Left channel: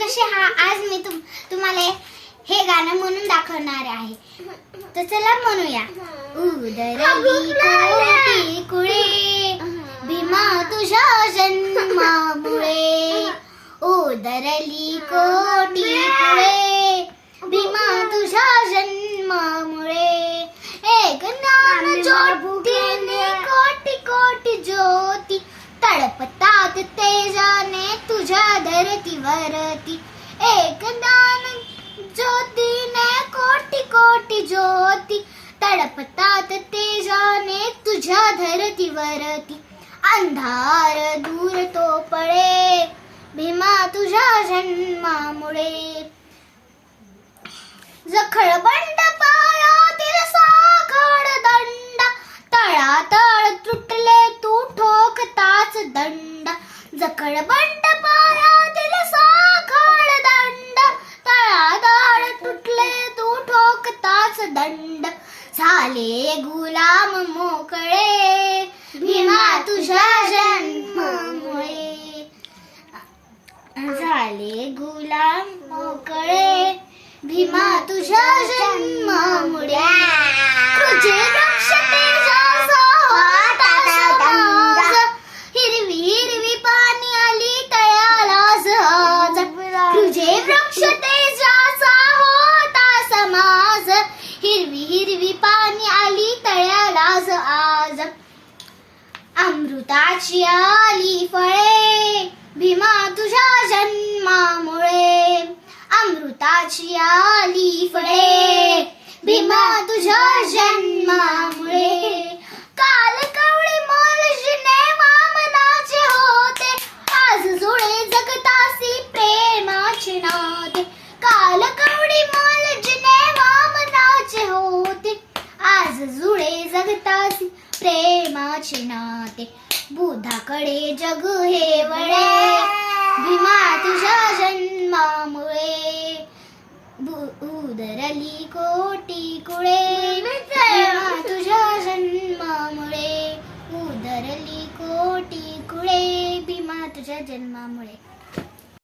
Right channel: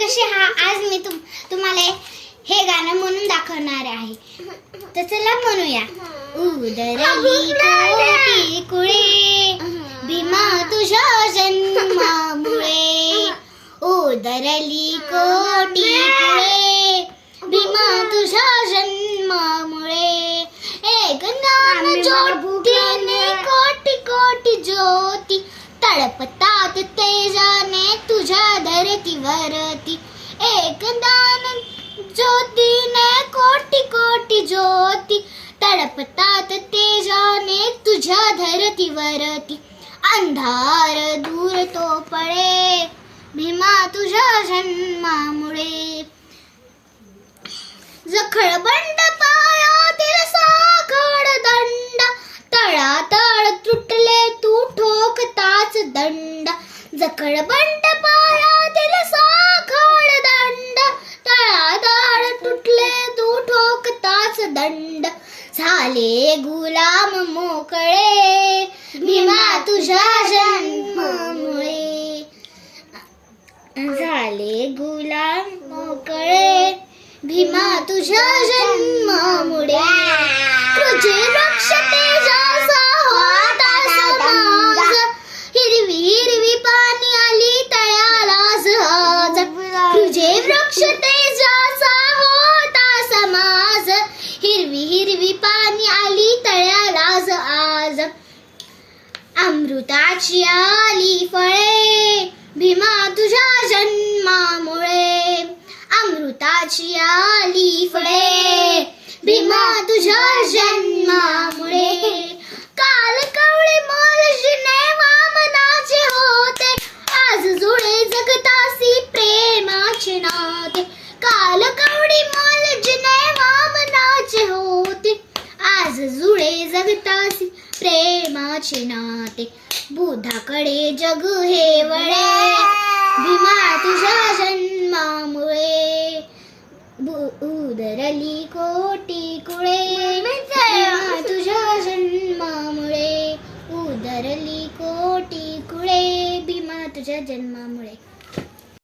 कसे आज मी तुम्हाला हे गाणं म्हणून दाखवणार आहे. तर चला म्हणूया. उदरली कोटी कुळे भीमा तुझ्या जन्मामुळे. उदरली कोटी कुळे भीमा तुझ्या जन्मामुळे. एक ज्ञान ज्योतीने कोटी कोटी ज्योती तळपतात तेजाने तुझ्या धरतीवरती. एक ज्ञान ज्योतीने कोटी कोटी ज्योती तळपतात तेजाने तुझ्या धरतीवरती. अंधार दूर तो पळे भीमा तुझ्या जन्मामुळे. जखळबंड पायातील साखळ दंड तळातळ तुटले तू ठोकताच दंड. जखळबंड पायातील साखळ दंड तळातळ तुटले तू ठोकताच दंड. झाले गुलाम मोकळे भीमा तुझ्या जन्मामुळे. झाले गुलाम मोकळे भीमा तुझ्या जन्मामुळे. तुझे वृक्ष तेजाचा होता समाज हिरवी हिरवी पाणी आली तळ्यालाच आज. तुझे वृक्ष तेजाचा होता समाज हिरवी हिरवी पाणी आली तळ्यालाच आज. अमृताची आली फळे भीमा तुझ्या जन्मामुळे. अमृताची आली फळे भीमा तुझ्या जन्मामुळे. काल कवळे मोलजीने वामनाचे होते आज जुळे जगतासी प्रेमाचे नाते. काल कवळे मोलजीने वामनाचे होते आज जुळे जगतासी प्रेमाचे नाते. बुधाकडे जग हे वळे भीमा तुझ्या जन्मामुळे. उदरली कोटी कुळे